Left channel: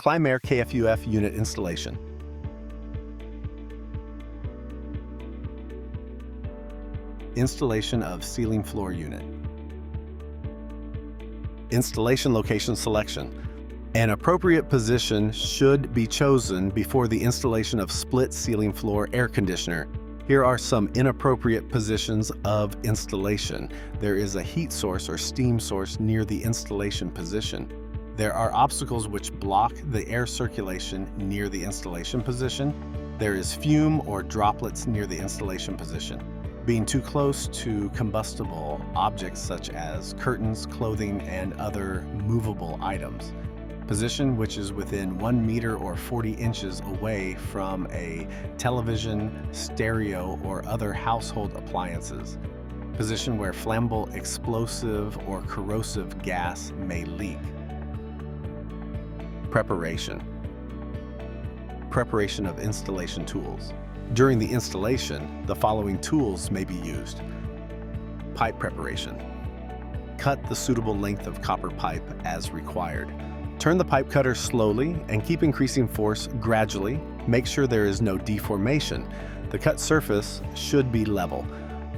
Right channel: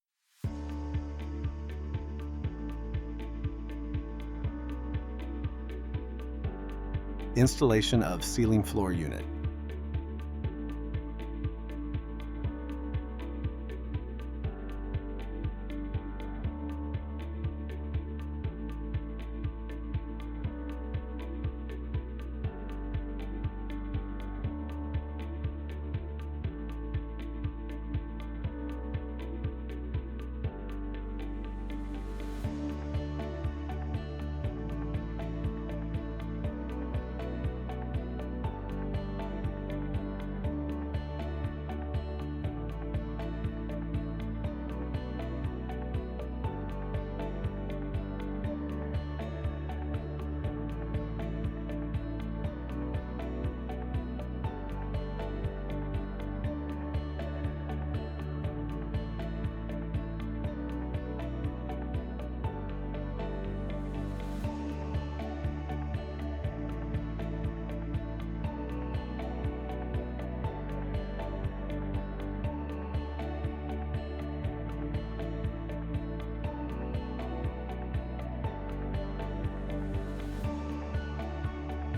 Climair KFUF unit installation. Installation of ceiling floor unit. Installation location selection. An appropriate position should be chosen before the installation of split ceiling floor air conditioner. Here are some inappropriate positions of installation. There is a heat source or steam source near the installation position. There are obstacles which block the air circulation near the installation position. There is fume or droplets near the installation position. Being too close to combustible objects such as curtains, clothing, and other movable items. Position which is within 1 meter or 40 inches away from a television, stereo, or other household appliances. Position where flammable, explosive, or corrosive gas may leak. Preparation. Preparation of installation tools. During the installation, the following tools may be used. Pipe preparation. Cut the suitable length of copper pipe as required. Turn the pipe cutter slowly and keep increasing force gradually. Make sure there is no deformation. The cut surface should be level.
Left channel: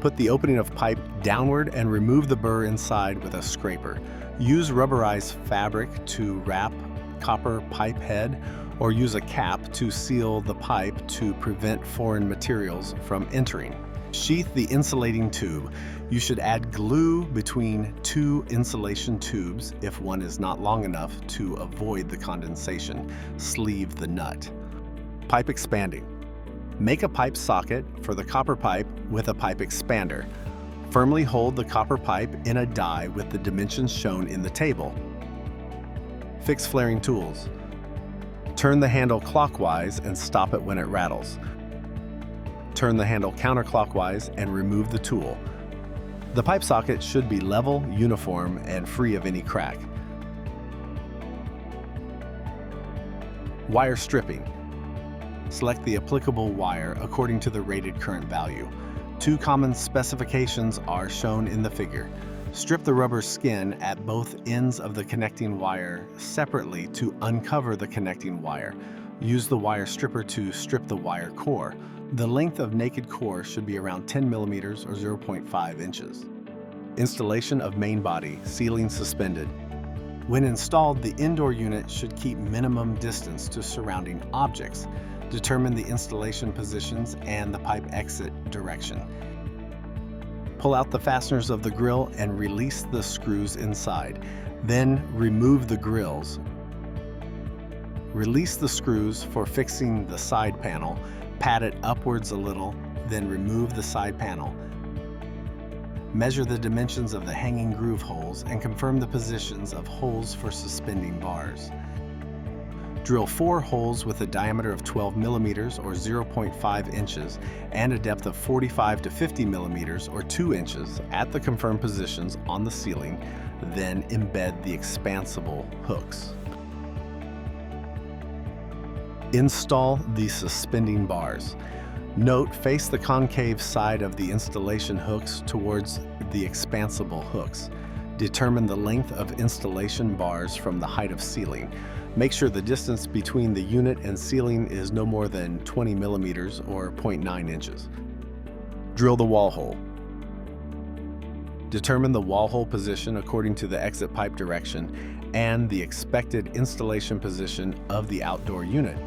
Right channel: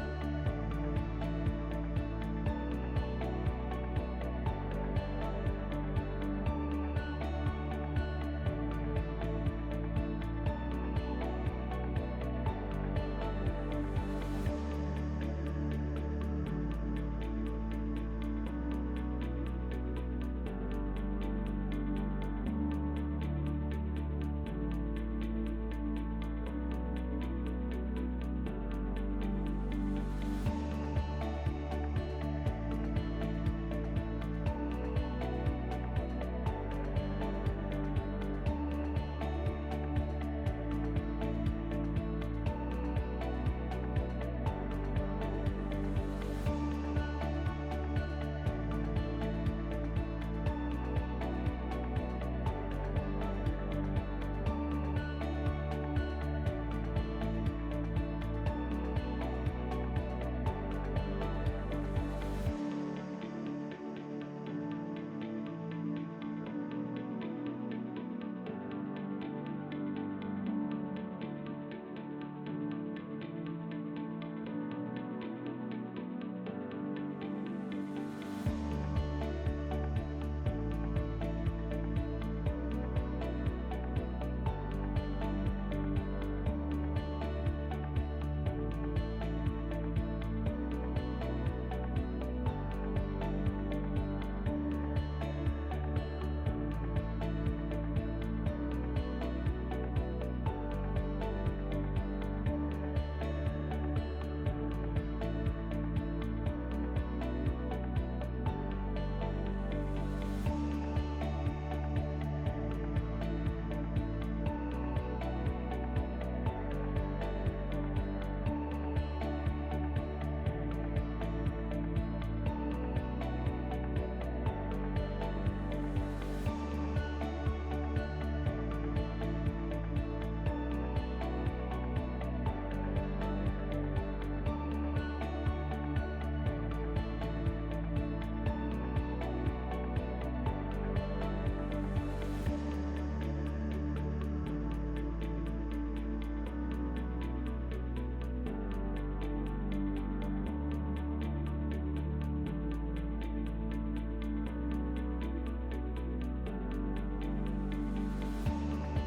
Put the opening of pipe downward and remove the burr inside with a scraper. Use rubberized fabric to wrap copper pipe head, or use a cap to seal the pipe to prevent foreign materials from entering. Sheath the insulating tube. You should add glue between two insulation tubes if one is not long enough to avoid the condensation. Sleeve the nut. Pipe expanding. Make a pipe socket for the copper pipe with a pipe expander. Firmly hold the copper pipe in a die with the dimensions shown in the table. Fix flaring tools. Turn the handle clockwise and stop it when it rattles. Turn the handle counterclockwise and remove the tool. The pipe socket should be level, uniform, and free of any crack. Wire stripping. Select the applicable wire according to the rated current value. Two common specifications are shown in the figure. Strip the rubber skin at both ends of the connecting wire separately to uncover the connecting wire. Use the wire stripper to strip the wire core. The length of naked core should be around 10 millimeters or 0.5 inches. Installation of main body, ceiling suspended. When installed, the indoor unit should keep minimum distance to surrounding objects. Determine the installation positions and the pipe exit direction. Pull out the fasteners of the grill and release the screws inside. Then remove the grills. Release the screws for fixing the side panel. Pat it upwards a little, then remove the side panel. Measure the dimensions of the hanging groove holes and confirm the positions of holes for suspending bars. Drill 4 holes with a diameter of 12 millimeters or 0.5 inches and a depth of 45 to 50 millimeters or 2 inches at the confirmed positions on the ceiling, then embed the expansible hooks. Install the suspending bars. Note, face the concave side of the installation hooks towards the expansible hooks. Determine the length of installation bars from the height of ceiling. Make sure the distance between the unit and ceiling is no more than 20 millimeters or 0.9 inches. Drill the wall hole. Determine the wall hole position according to the exit pipe direction and the expected installation position of the outdoor unit.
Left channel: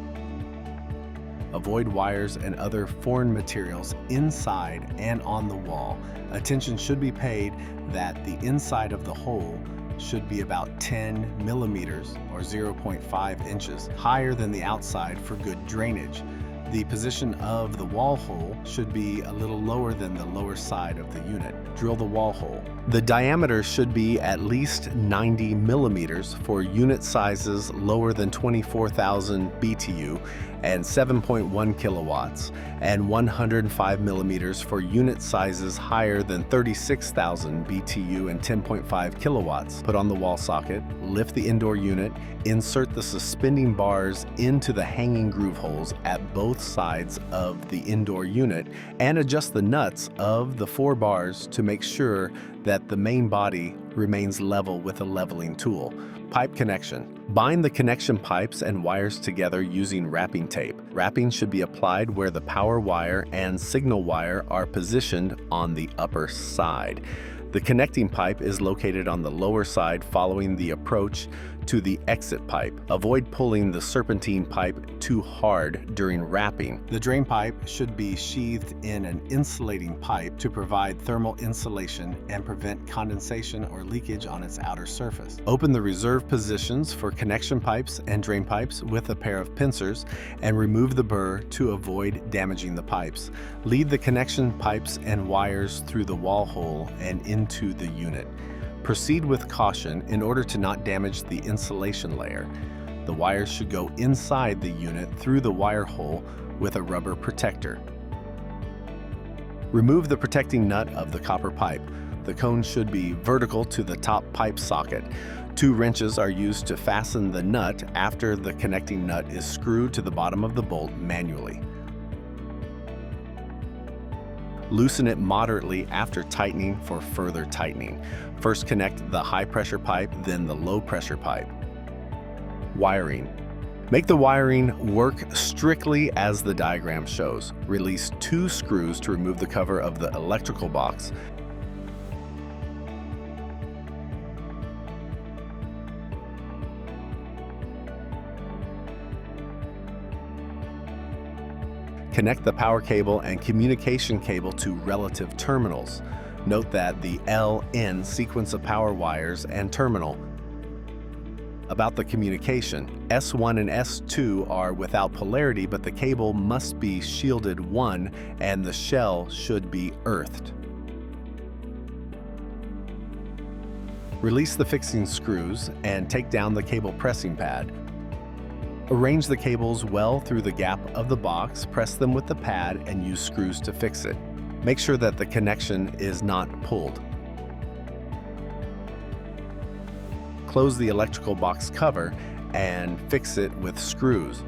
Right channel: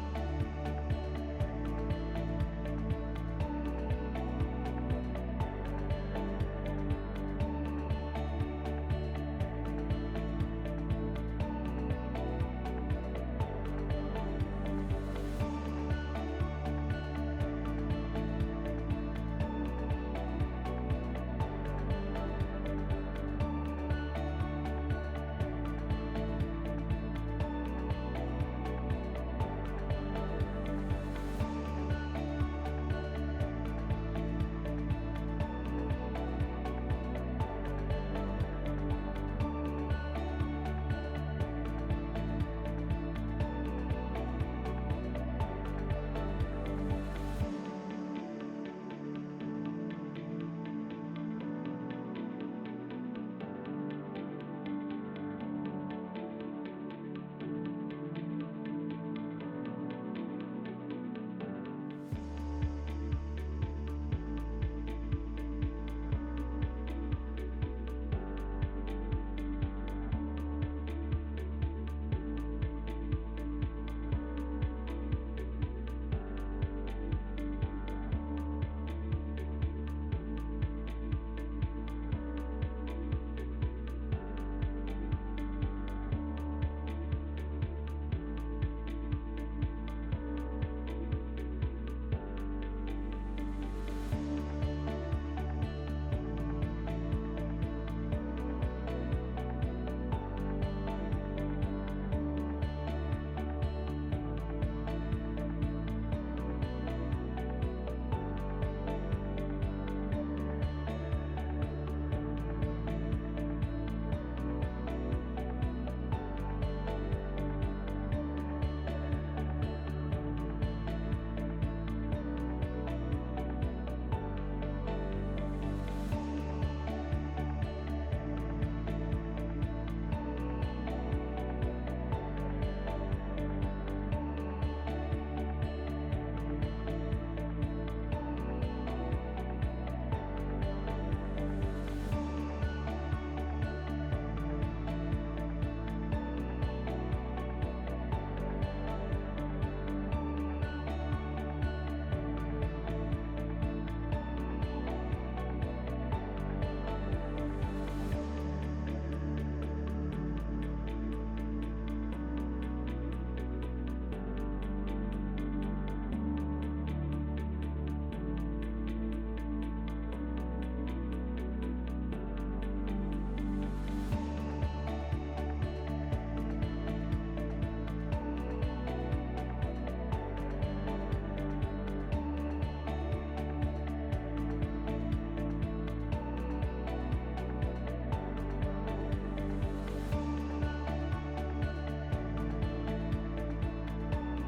Avoid wires and other foreign materials inside and on the wall. Attention should be paid that the inside of the hole should be about 10 millimeters or 0.5 inches higher than the outside for good drainage. The position of the wall hole should be a little lower than the lower side of the unit. Drill the wall hole. The diameter should be at least 90 millimeters for unit sizes lower than 24,000 BTU and 7.1 kilowatts, and 105 millimeters for unit sizes higher than 36,000 BTU and 10.5 kilowatts. Put on the wall socket, lift the indoor unit, insert the suspending bars into the hanging groove holes at both sides of the indoor unit, and adjust the nuts of the 4 bars to make sure that the main body remains level with a leveling tool. Pipe connection. Bind the connection pipes and wires together using wrapping tape. Wrapping should be applied where the power wire and signal wire are positioned on the upper side. The connecting pipe is located on the lower side following the approach to the exit pipe. Avoid pulling the serpentine pipe too hard during wrapping. The drain pipe should be sheathed in an insulating pipe to provide thermal insulation and prevent condensation or leakage on its outer surface. Open the reserve positions for connection pipes and drain pipes with a pair of pincers and remove the burr to avoid damaging the pipes. Lead the connection pipes and wires through the wall hole and into the unit. Proceed with caution in order to not damage the insulation layer. The wires should go inside the unit through the wire hole with a rubber protector. Remove the protecting nut of the copper pipe. The cone should be vertical to the top pipe socket. 2 wrenches are used to fasten the nut after the connecting nut is screwed to the bottom of the bolt manually. Loosen it moderately after tightening for further tightening. First connect the high pressure pipe, then the low pressure pipe. Wiring. Make the wiring work strictly as the diagram shows. Release 2 screws to remove the cover of the electrical box. Connect the power cable and communication cable to relative terminals. Note that the LN sequence of power wires and terminal. About the communication, S1 and S2 are without polarity, but the cable must be shielded 1 and the shell should be earthed. Release the fixing screws and take down the cable pressing pad. Arrange the cables well through the gap of the box, press them with the pad, and use screws to fix it. Make sure that the connection is not pulled. Close the electrical box cover and fix it with screws.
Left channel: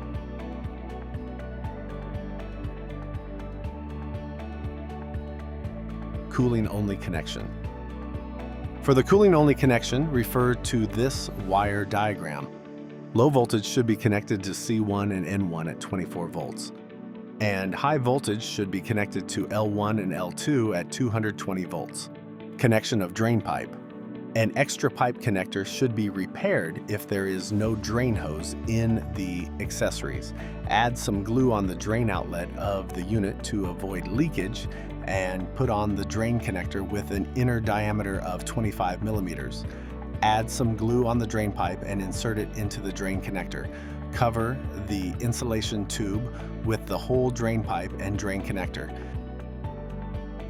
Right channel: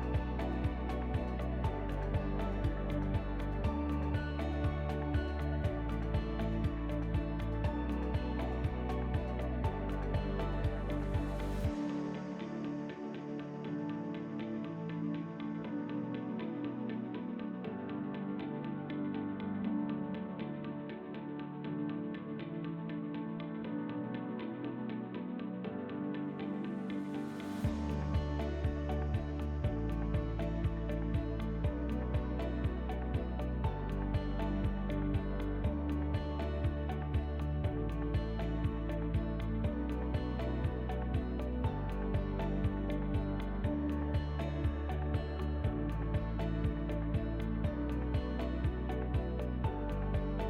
Cooling only connection. For the cooling only connection, refer to this wire diagram. Low voltage should be connected to C1 and N1 at 24 volts. And high voltage should be connected to L1 and L2 at 220 volts. Connection of drain pipe. An extra pipe connector should be repaired if there is no drain hose in the accessories. Add some glue on the drain outlet of the unit to avoid leakage and put on the drain connector with an inner diameter of 25 millimeters. Add some glue on the drain pipe and insert it into the drain connector. Cover the insulation tube with the whole drain pipe and drain connector.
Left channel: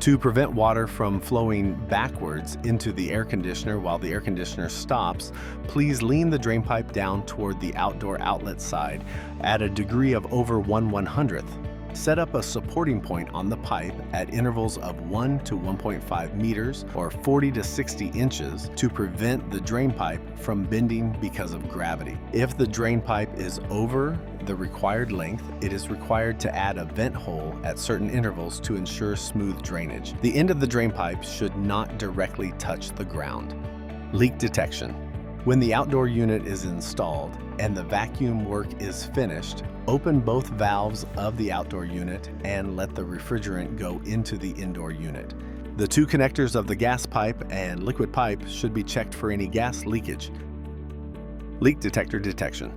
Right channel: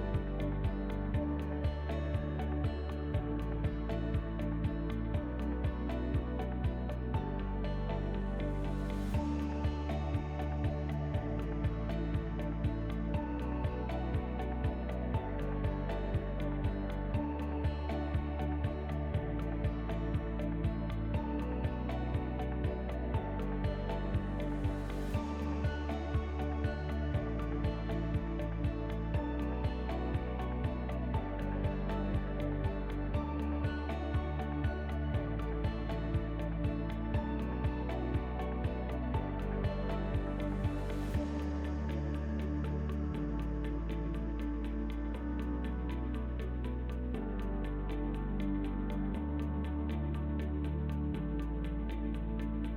To prevent water from flowing backwards into the air conditioner while the air conditioner stops, please lean the drain pipe down toward the outdoor outlet side at a degree of over 1/100th. Set up a supporting point on the pipe at intervals of 1 to 1.5 meters or 40 to 60 inches to prevent the drain pipe from bending because of gravity. If the drain pipe is over the required length, it is required to add a vent hole at certain intervals to ensure smooth drainage. The end of the drain pipe should not directly touch the ground. Leak detection. When the outdoor unit is installed and the vacuum work is finished, open both valves of the outdoor unit and let the refrigerant go into the indoor unit. The 2 connectors of the gas pipe and liquid pipe should be checked for any gas leakage. Leak detector detection.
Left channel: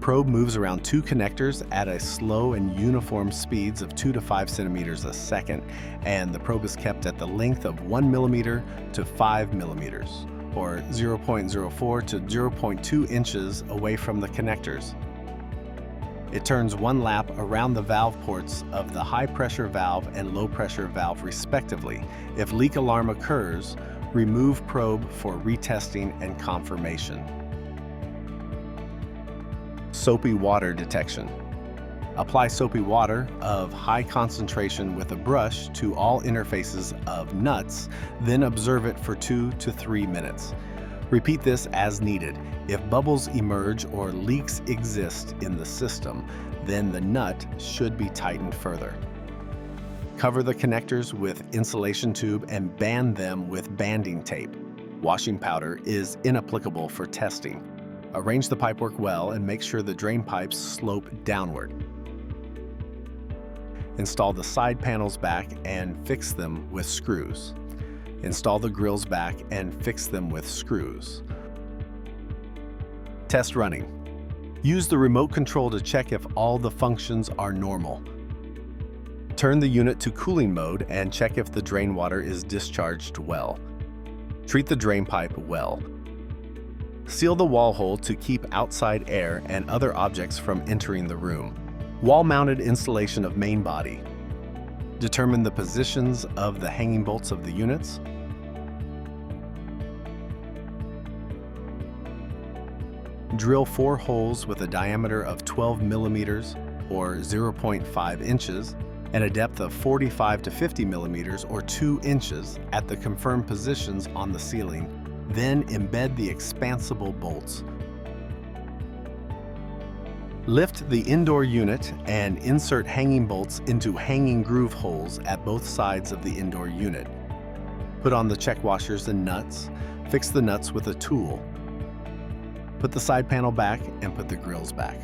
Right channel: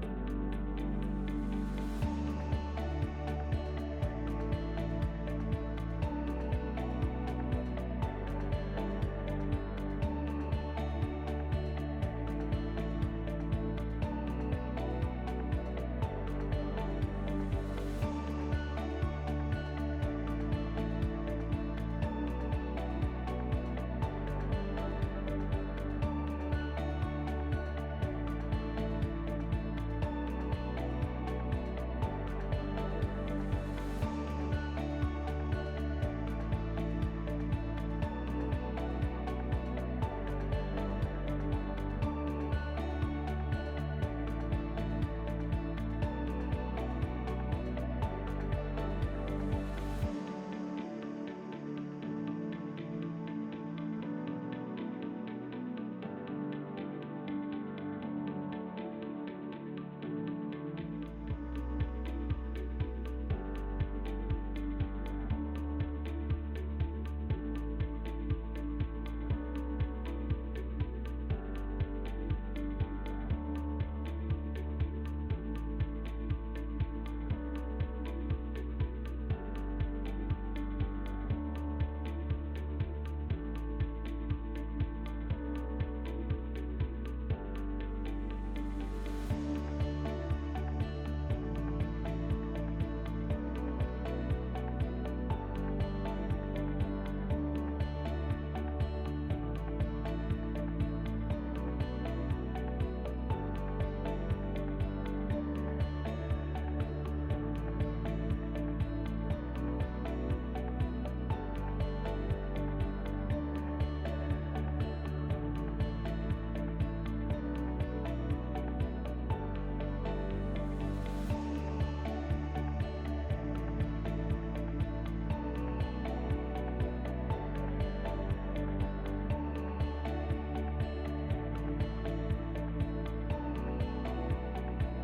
Probe moves around 2 connectors at a slow and uniform speeds of 2 to 5 centimeters a second, and the probe is kept at the length of 1 millimeter to 5 millimeters, or 0.04 to 0.2 inches away from the connectors. It turns 1 lap around the valve ports of the high pressure valve and low pressure valve respectively. If leak alarm occurs, remove probe for retesting and confirmation. Soapy water detection. Apply soapy water of high concentration with a brush to all interfaces of nuts, then observe it for 2 to 3 minutes. Repeat this as needed. If bubbles emerge or leaks exist in the system, then the nut should be tightened further. Cover the connectors with insulation tube and band them with banding tape. Washing powder is inapplicable for testing. Arrange the pipework well and make sure the drain pipes slope downward. Install the side panels back and fix them with screws. Install the grills back and fix them with screws. Test running. Use the remote control to check if all the functions are normal. Turn the unit to cooling mode and check if the drain water is discharged well. Treat the drain pipe well. Seal the wall hole to keep outside air and other objects from entering the room. Wall-mounted installation of main body. Determine the positions of the hanging bolts of the units. Drill 4 holes with a diameter of 12 millimeters or 0.5 inches and a depth of 45 to 50 millimeters or 2 inches at the confirmed positions on the ceiling. Then embed the expansible bolts. Lift the indoor unit and insert hanging bolts into hanging groove holes at both sides of the indoor unit. Put on the check washers and nuts. Fix the nuts with a tool. Put the side panel back and put the grills back.